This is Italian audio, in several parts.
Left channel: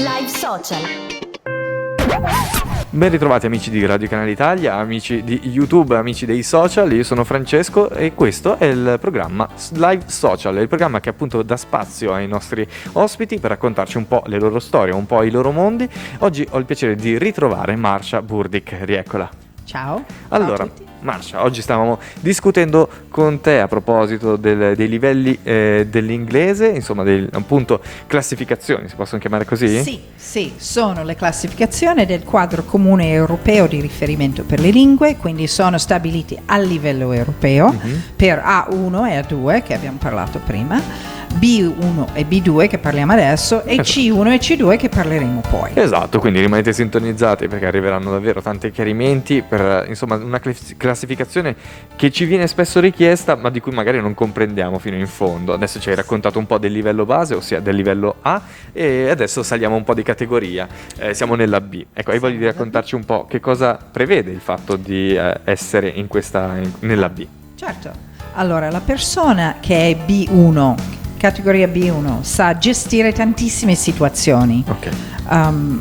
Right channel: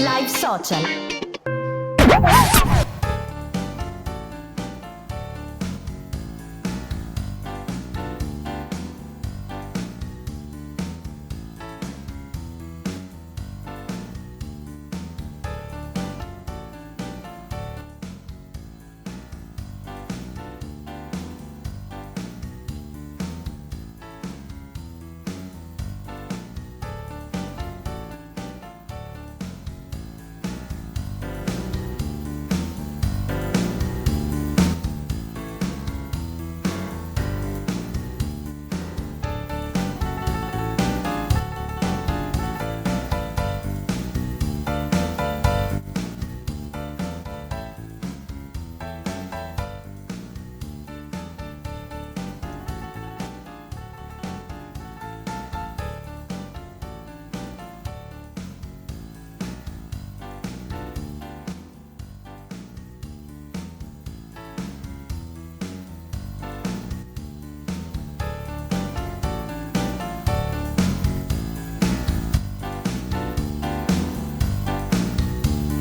Live Social. Ben ritrovati amici di Radio Canale Italia, amici di YouTube, amici dei social. Io sono Francesco e questo è il programma Live Social, il programma che appunto dà spazio ai nostri ospiti per raccontarci un po' le loro storie, un po' i loro mondi. Oggi ho il piacere di ritrovare Marsha Burdick, rieccola. Ciao. Allora, Ciao a tutti. Marsha, oggi stavamo discutendo con te a proposito dei livelli dell'inglese, insomma, appunto classificazioni, si possono chiamare così? Sì, sono le classificazioni del quadro comune europeo di riferimento per le lingue, quindi sono stabiliti a livello europeo per A1 e A2 che abbiamo parlato prima, B1 e B2 che parliamo adesso e C1 e C2 che parleremo poi. Esatto, quindi rimanete sintonizzati perché arriveranno davvero tanti chiarimenti per insomma una classificazione che ci viene spesso richiesta ma di cui magari non comprendiamo fino in fondo. Adesso ci hai raccontato un po' del livello base, ossia del livello A, e adesso saliamo un po' di categoria, siamo nella B. Ecco, hai voglia di raccontarci un po' che cosa prevede il fatto di essere nella B? Certo, allora la persona che è B1, categoria B1, sa gestire tantissime situazioni. Ok.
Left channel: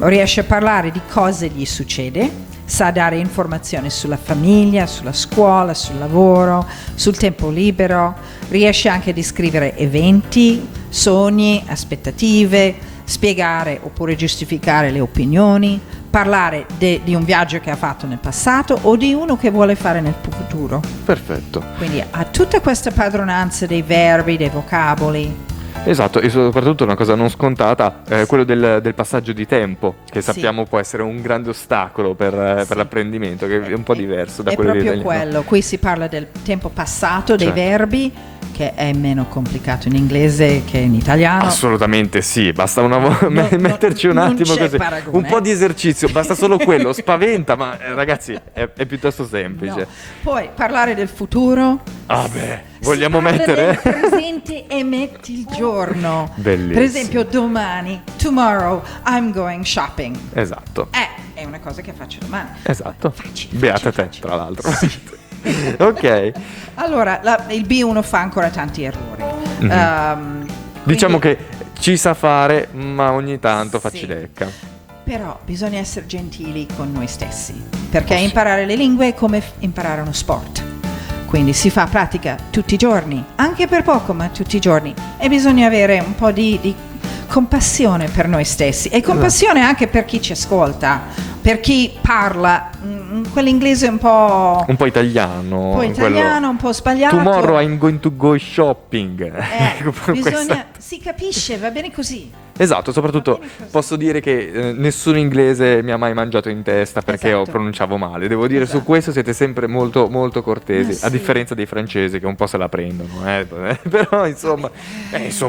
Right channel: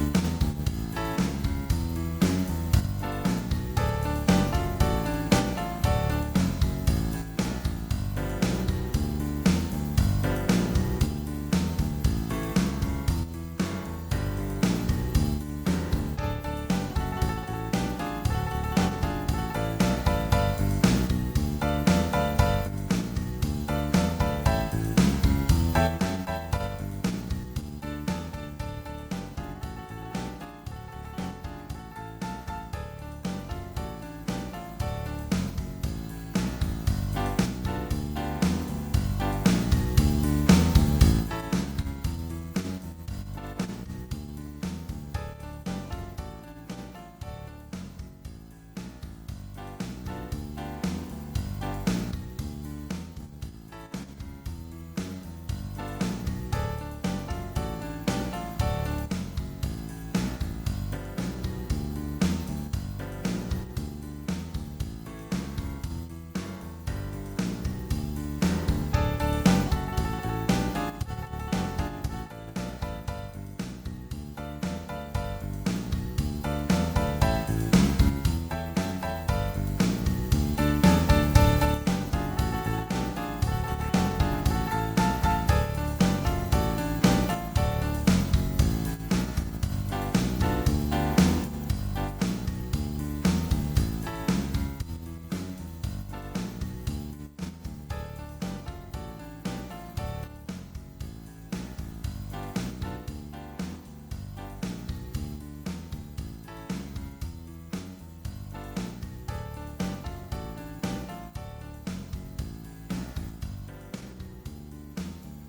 Riesce a parlare di cosa gli succede, sa dare informazioni sulla famiglia, sulla scuola, sul lavoro, sul tempo libero, riesce anche a descrivere eventi, sogni, aspettative, spiegare oppure giustificare le opinioni, parlare di un viaggio che ha fatto nel passato o di uno che vuole fare nel futuro. Perfetto. Quindi ha tutta questa padronanza dei verbi, dei vocaboli. Esatto, e soprattutto una cosa non scontata, quello del passaggio di tempo, che sappiamo può essere un grande ostacolo per l'apprendimento, che è un po' diverso da quello dell'italiano. È proprio dell'italiano. quello, qui si parla del tempo passato, dei Certo. verbi, che è meno complicato in inglese che in italiano. Assolutamente sì, basta metterci un non attimo c'è così, paragone. un po' di esercizio, basta solo quello, spaventa, ma ragazzi è piuttosto semplice. No. Poi parlare del futuro. Ah beh, vogliamo Si parla mettere? del presente e metti il giorno. Bellissimo. Per esempio domani, tomorrow, I'm going shopping. Esatto, È una cosa che faccio domani. esatto. Facile, Beata facile, te, facile. tra l'altro. Ok. Allora, il B1 fa ancora tanti errori. Diciamo Quindi- che ci sa fare, ma ogni tanto fa Sì. cilecca. Però bisogna essere gentili con noi stessi, perché imparare le lingue è come imparare uno sport. Quindi si fa pratica tutti i giorni, anche per poco, ma tutti i giorni. E bisogna avere un po' di compassione per noi stessi e compassione anche per chi ci ascolta, per chi parla quell'inglese un po' Un po' italiano, un po' sbagliato. Tomorrow I'm going to go shopping. Ecco, Bisogna, si capisce, va bene così. Esatto, soprattutto posso dire che nessun inglese mi ha mai mangiato in testa perché Esatto. pronunciavo male. Devo dire, su Esatto. questo siete sempre molto, molto cortesi, Sì. a differenza dei francesi che un po' se la prendono. Però insomma,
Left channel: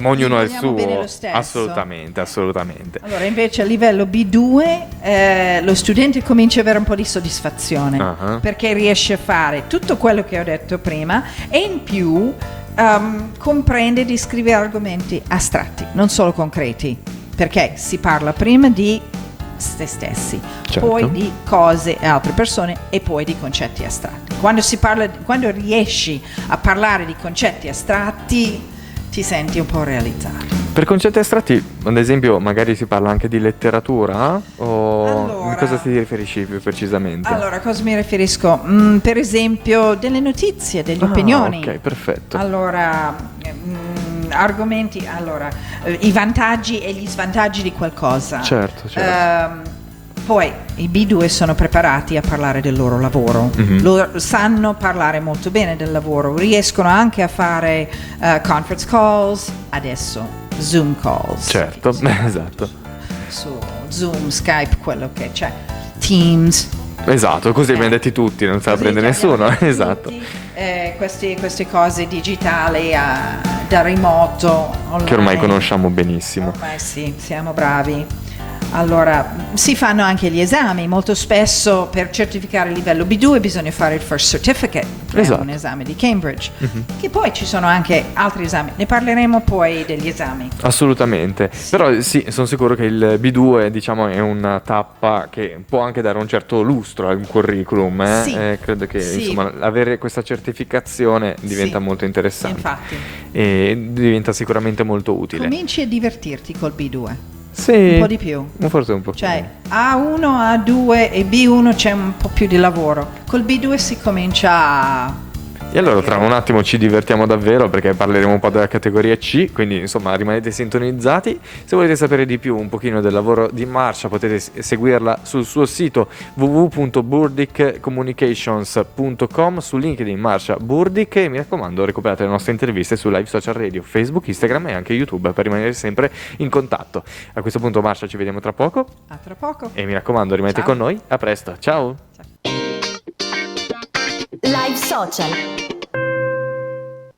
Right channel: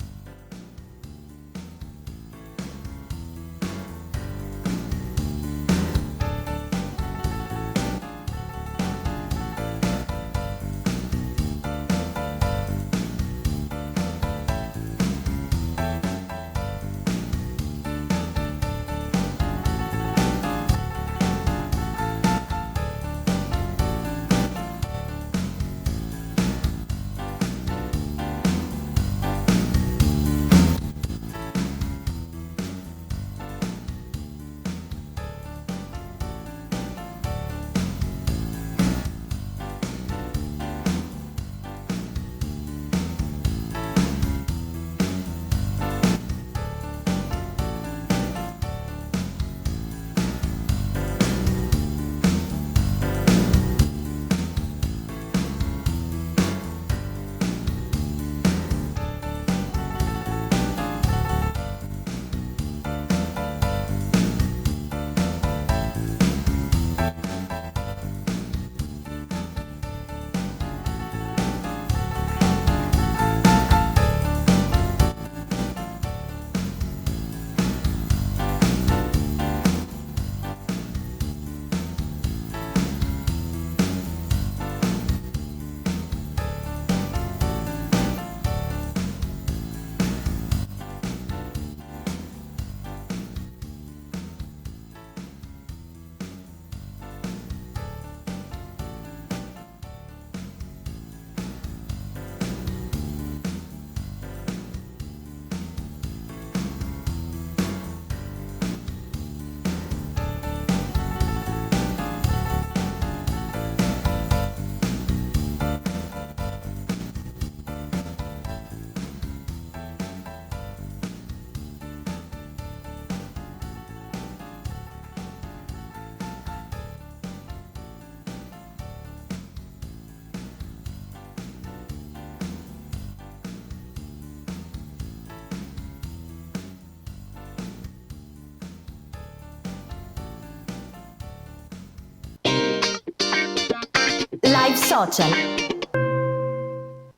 ognuno ha il Vogliamo bene suo. lo stesso. Assolutamente, assolutamente. Allora, invece a livello B2 lo studente comincia ad avere un po' di soddisfazione Ah. perché riesce a fare tutto quello che ho detto prima e in più comprende di scrivere argomenti astratti, non solo concreti, perché si parla prima di se stessi, Certo. poi di cose e altre persone e poi di concetti astratti. Quando riesci a parlare di concetti astratti ti senti un po' realizzato. Per concetti astratti, ad esempio, magari si parla anche di letteratura? O Allora- a cosa ti riferisci più precisamente? Allora, a cosa mi riferisco? Per esempio, delle notizie, delle opinioni. Ok, perfetto. Allora, argomenti, i vantaggi e gli svantaggi di qualcosa. Certo. Poi i B2 sono preparati a parlare del loro lavoro, Mhm. loro sanno parlare molto bene del lavoro, riescono anche a fare conference calls, adesso Zoom calls. Certo, esatto. Su Zoom, Skype, quello che c'è, Teams. Esatto, così abbiamo detti tutti, non se la prende nessuno. Esatto. Queste cose digitali da remoto. Che ormai online. conosciamo benissimo. Ormai sì, siamo bravi. Allora, si fanno anche gli esami, molto spesso per certificare il livello B2 bisogna fare il First Certificate, che è Esatto. un esame di Cambridge, che poi ci sono anche altri esami, ne parleremo poi degli esami. Assolutamente. Però sì, sono sicuro che il B2, diciamo, è una tappa che può anche dare un certo lustro al curriculum. Sì. Credo che Sì. insomma, avere questa certificazione diventa Sì. molto interessante Infatti, e diventa sicuramente molto utile. cominci a divertirti col B2. Sì. Un po' di più. Forse un po'. Cioè A1, A2 e B1 c'è un po' più di lavoro. Col B2 si comincia a... E allora tra un attimo ci divertiamo davvero perché parleremo un po' della categoria C, quindi insomma rimanete sintonizzati. Se volete sapere di più un pochino del lavoro di Marsha potete seguirla sul suo sito www.burdickcommunications.com, su LinkedIn Marsha Burdick, e mi raccomando recuperate le nostre interviste su Live Social Radio, Facebook, Instagram e anche YouTube per rimanere sempre in contatto. A questo punto Marsha ci vediamo tra poco. A tra poco. E mi raccomando rimanete con noi, a presto, ciao! Live Social.